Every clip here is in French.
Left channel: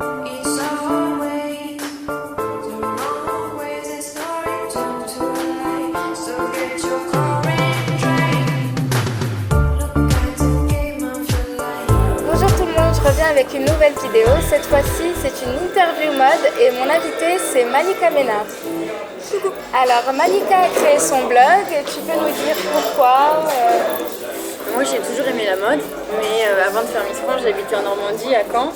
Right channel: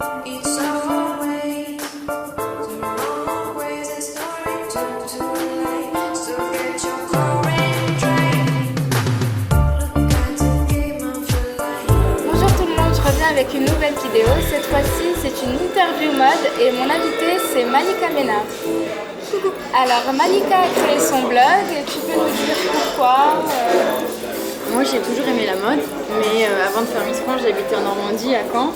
It's always the wrong ways that story turn to life. So get your core and drive. Look at the game of your life. Bonjour tout le monde, je reviens avec une nouvelle vidéo. Cette fois-ci, c'est une interview mode et mon invitée, c'est Malika Ménard. Coucou. Alors, Malika a créé son blog. Tu peux nous dire pourquoi Moi j'ai toujours aimé la mode, mais avant de faire Miss France, j'habitais en Normandie, à Caen.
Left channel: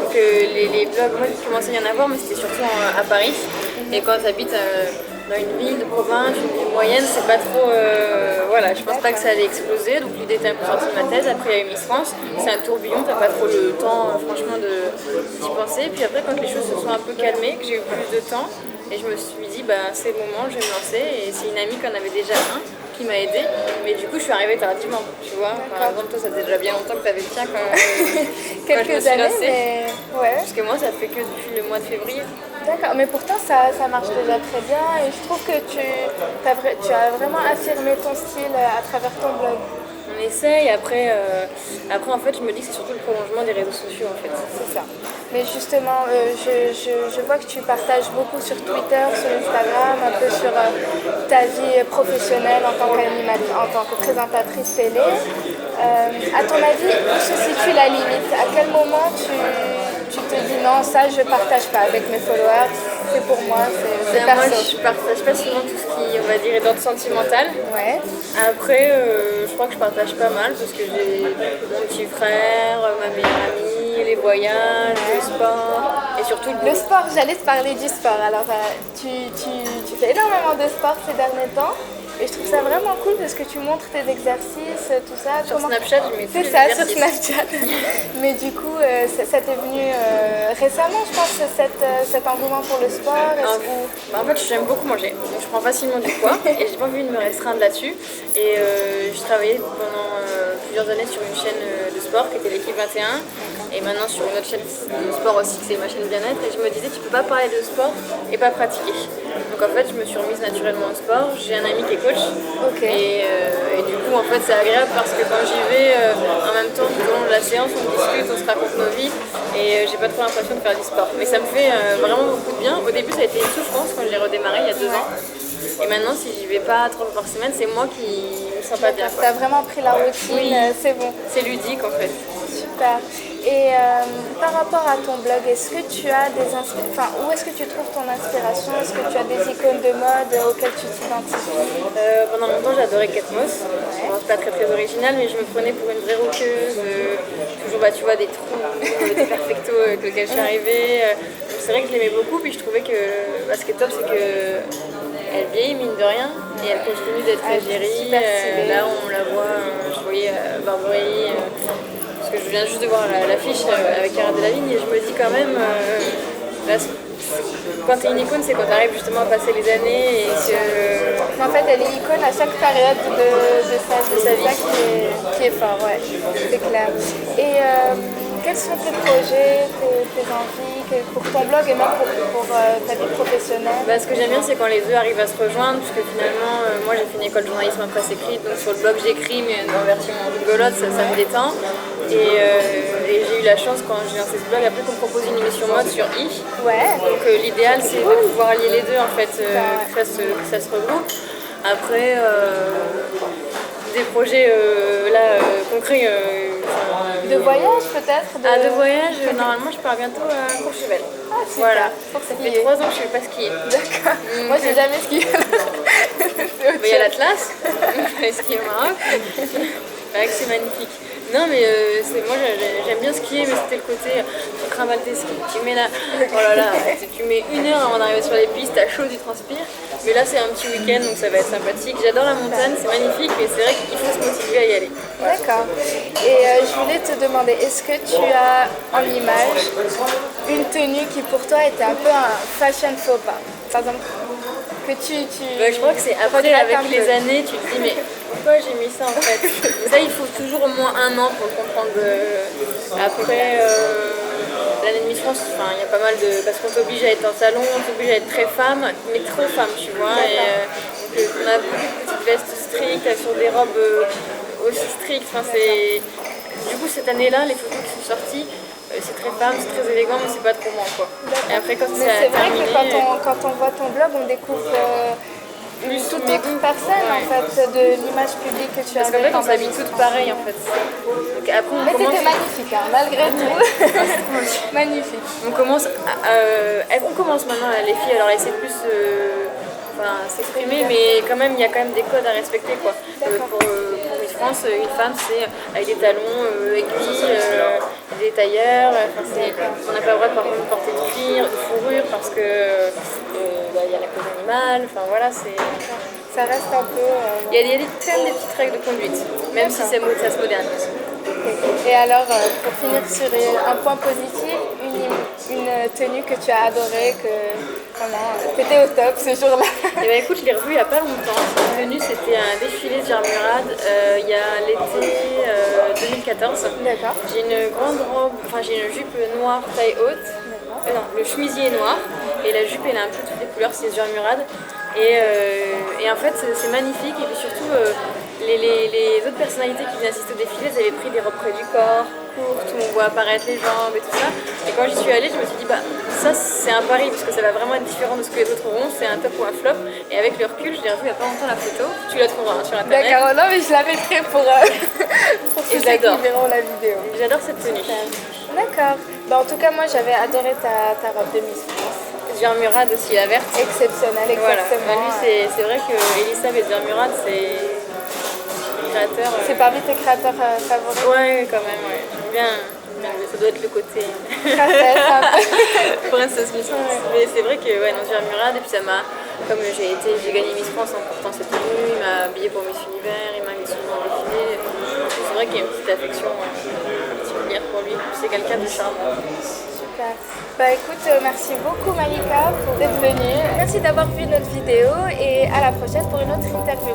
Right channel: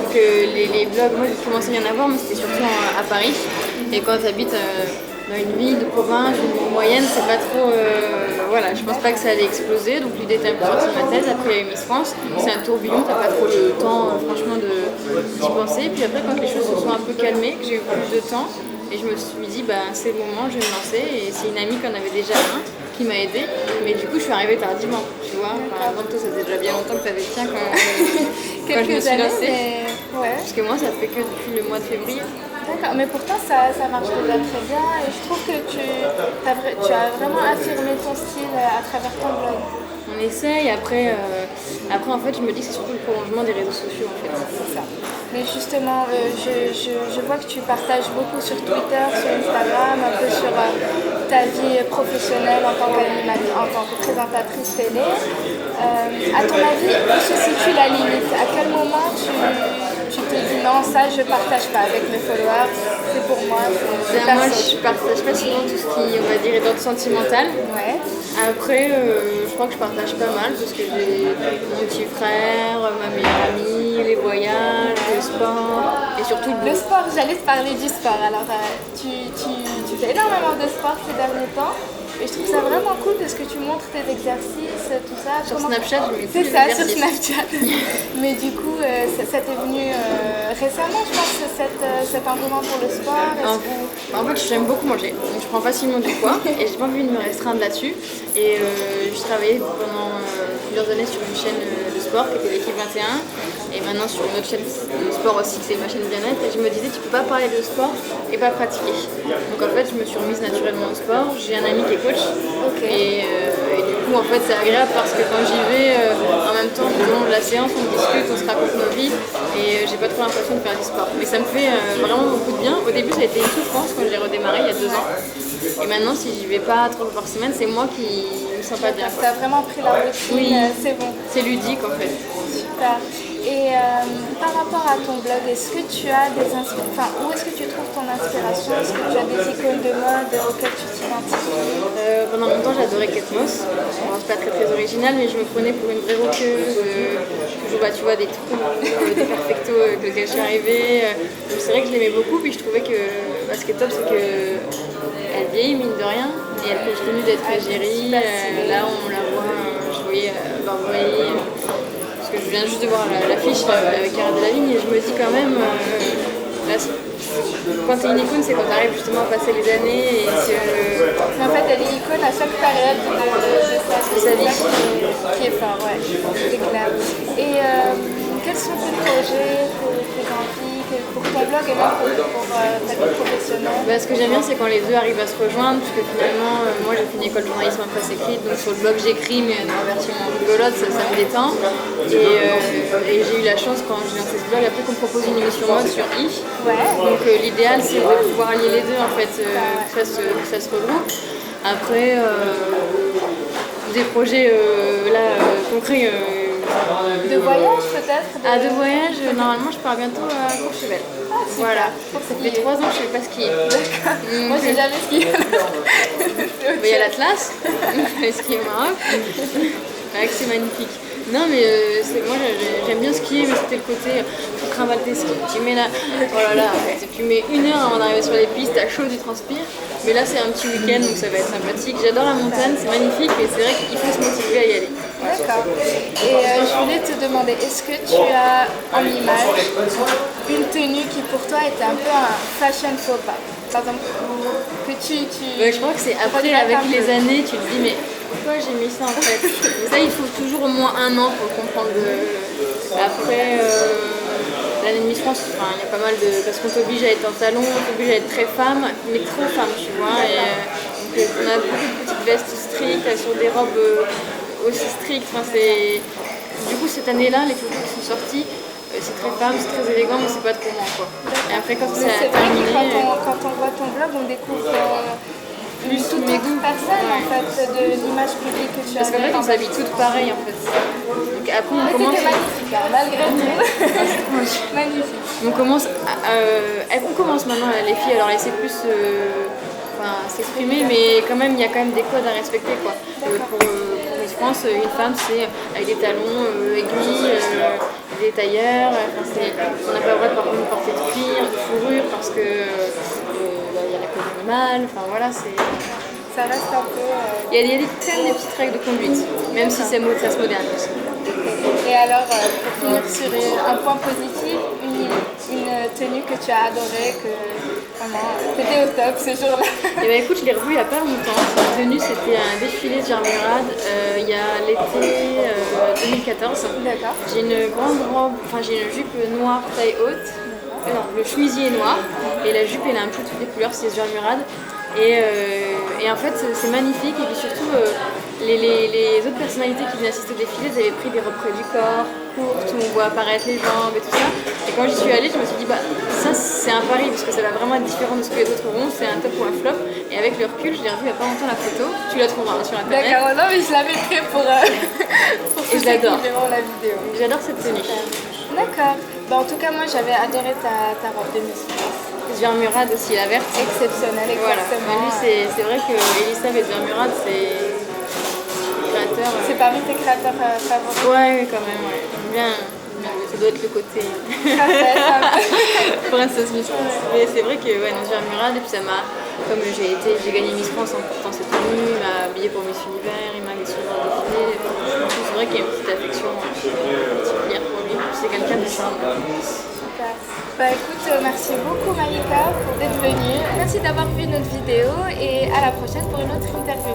Donc les blogs, moi j'ai commencé à y en avoir, mais c'était surtout à Paris. Et quand tu habites dans une ville de province, une ville moyenne, c'est pas trop... voilà, je pense pas que ça allait exploser. Donc l'idée était un peu sortie de ma tête. Après il y a eu Miss France, c'est un tourbillon, t'as pas trop le temps franchement d'y penser. Puis après quand les choses se sont un peu calmées, que j'ai eu plus de temps, et je me suis dit c'est le moment, je vais me lancer. Et c'est une amie qui en avait déjà un qui m'a aidée, mais du coup je suis arrivée tardivement, tu vois. Par exemple, toi ça fait déjà bien longtemps que tu avais le tien quand je me suis lancée. Mais... Ouais. Parce que moi ça fait que depuis le mois de février. D'accord, mais pourtant ça marche déjà très bien et je trouve que tu as vraiment affirmé ton style à travers ton blog. On essaye, après en fait je me dis que c'est surtout le prolongement des réseaux sociaux en fait. C'est ça. Mais justement, je vois que tu partages beaucoup sur Twitter, sur Instagram, un peu sur ta vie professionnelle en tant que présentatrice télé. À ton avis, où se situe la limite? À quel moment tu te dis non, ça je partage pas avec mes followers, c'est pour moi, c'est perso. Moi je partage pas souvent tout ce qui, on va dire, est d'ordre sentimental. Ouais. Après, je crois que je partage pas mal parce que j'ai mon petit frère, ma meilleure amie, les voyages, le sport et surtout le sport. J'allais te parler du sport. Alors, tu fais énormément de sport ces derniers temps et je trouve ça vraiment cool parce que tu montres tes exercices, tout ça. Sur Snapchat, je mets tous C'est les ça, exercices. sur Snapchat. Mais du coup, ça t'est venu récemment, je pense, cet engouement pour le sport. En fait, j'aime beaucoup manger, donc je prends facilement du poids et j'ai pas envie de me restreindre là-dessus. Et je travaillais pendant plusieurs années sur une chaîne de sport qui était l'équipe 21 et maintenant sur une autre chaîne de sport aussi qui c'est ma chaîne bien-être, et je me disais tu peux pas parler de sport et pas pratiquer. Donc en fait je me suis remise naturellement au sport. J'ai un ami qui est coach. Okay. Et du coup en fait c'est agréable parce que quand j'y vais en même temps tout au long de la séance on discute, on se raconte nos vies et j'ai pas trop l'impression de faire du sport. Mais ça me fait vraiment beaucoup de bien. Au début ça a été une souffrance quand je l'ai redémarré il y a 2 ans. Et maintenant, si j'y vais pas 3 fois par semaine, c'est moi qui me sens pas bien. Tu as vraiment pris la routine, oui, c'est bon. C'est ludique en fait. Super. Et par rapport à ton blog, est-ce que tu as où est-ce que tu trouves ton inspiration? Est-ce que tu as des icônes de mode auxquelles tu t'identifies? Pendant longtemps, j'adorais Kate Moss. Bon, c'est pas très original, mais je me prenais pour une vraie rockeuse. Toujours, tu vois, des trous, des perfectos avec lesquels je suis arrivée. Donc c'est vrai que je l'aimais beaucoup. Puis je trouvais que ce qui est top, c'est que elle vieillit, mine de rien, et elle continue d'être égérie. Là, on la voit, je voyais Burberry. Parce que je viens juste de voir l'affiche avec Cara Delevingne et je me dis quand même, quand t'es une icône, c'est quand t'arrives justement à passer les années et que... En fait, elle est icône à chaque période de sa vie. Qui est fort, ouais, c'est clair. Et quels sont tes projets, tes envies pour ton blog et même pour ta vie professionnelle? Ce que j'aime bien, c'est quand les deux arrivent à se rejoindre, parce que finalement, moi j'ai fait une école de journalisme en presse écrite, donc sur le blog j'écris, mais en version rigolote, ça me détend. Et j'ai eu la chance quand j'ai lancé ce blog, après qu'on me propose une émission mode sur I. Ouais. Donc l'idéal c'est de pouvoir allier les deux en fait, que ça se regroupe. Après, des projets concrets. De voyage peut-être De voyage, normalement je pars bientôt à Courchevel. Ah, super. Voilà, ça fait 3 ans que je ne sais pas skier. D'accord. Moi j'ai jamais skié. Il y a l'Atlas, je vais skier au Maroc. C'est magnifique. Non mais moi j'aime bien skier, mais c'était le côté tu trimbales tes skis, tu mets là, oh là là, tu mets 1 heure avant d'arriver sur les pistes, t'as chaud, tu transpires. Mais là c'est un petit week-end donc ça va être sympathique. J'adore la montagne, c'est magnifique, mais c'est vrai qu'il faut se motiver à y aller. D'accord. Et je voulais te demander, est-ce que tu as en image une tenue qui pour toi était un peu un fashion faux pas? Par exemple, que je crois que c'est après, avec les années, tu te dis mais pourquoi j'ai mis ça en fait? Ça il faut toujours au moins 1 an pour le comprendre. Après l'année de Miss France, il y a pas mal de... Parce qu'on t'oblige à être en salon, on t'oblige à être très femme, mais trop femme, tu vois. Donc on a beaucoup de petites vestes strictes sur des robes aussi strictes. Du coup cette année-là, les photos qui sont sorties, c'est très femme, c'est très élégant, mais c'est pas trop moi quoi. Et après quand Mais ça c'est a vrai terminé, que quand on voit ton blog, on découvre une Plus toute mes autre goûts. personne en Ouais. fait de l'image publique que tu as. parce qu'en fait on s'habille toutes pareilles en fait. Donc après on Mais commence. c'était magnifique, hein, malgré tout. Magnifique. On commence, on commence maintenant les filles à leur laisser plus s'exprimer, mais quand même il y a quand même des codes à respecter quoi. Pour Miss France, une femme c'est avec des talons aiguilles, des tailleurs, on n'a pas le droit par contre de porter de cuir, de fourrure parce que il y a la cause animale, enfin voilà c'est. Ça reste un peu. Il y a quand même des petites règles de conduite, même si ça se modernise. Et alors, pour finir sur un point positif, une tenue que tu as adorée, que vraiment, t'étais au top ce jour-là. Et bah écoute, je l'ai revu il n'y a pas longtemps. Cette tenue, c'était un défilé de Germurad il y a l'été 2014. D'accord. J'ai une grande robe, j'ai une jupe noire taille haute. Non, le chemisier est noir et la jupe elle a un peu toutes les couleurs, c'est Germurad. Et en fait, c'est magnifique. Et puis surtout, les autres personnalités qui venaient assister au défilé, elles avaient pris des robes près du corps, courtes, où on voit apparaître les jambes et tout ça. Et quand j'y suis allée, je me suis dit, bah ça c'est un pari parce que ça va vraiment être différent de ce que les autres auront. C'est un top ou un flop. Et avec le recul, je l'ai revu il n'y a pas longtemps la photo. Tu la trouveras sur internet. D'accord, non, mais je la mettrai pour Et ceux je l'adore. qui verront la vidéo. J'adore cette tenue. D'accord. Bah, en tout cas, moi j'avais adoré ta robe de Miss France. Germurad aussi, la verte. Exceptionnelle, Voilà. exactement. Bah, lui, c'est vrai que Elisabeth Germurad, c'est créateur. C'est parmi tes créateurs favoris. Ouais, quand même, ouais. J'aime bien. Ça doit être le côté princesse Miss France. Mais c'est vrai que non, Germurad, et puis ça m'a. Comme j'ai gagné Miss France en portant cette tenue, il m'a habillée pour Miss Univers, il m'a mis souvent en défilé. Donc c'est vrai qu'il y a une petite affection particulière pour lui. C'est quelqu'un de charmant. Super. Bah écoute, merci beaucoup Malika pour d'être venue. Merci d'avoir vu notre vidéo et à la prochaine pour une autre interview.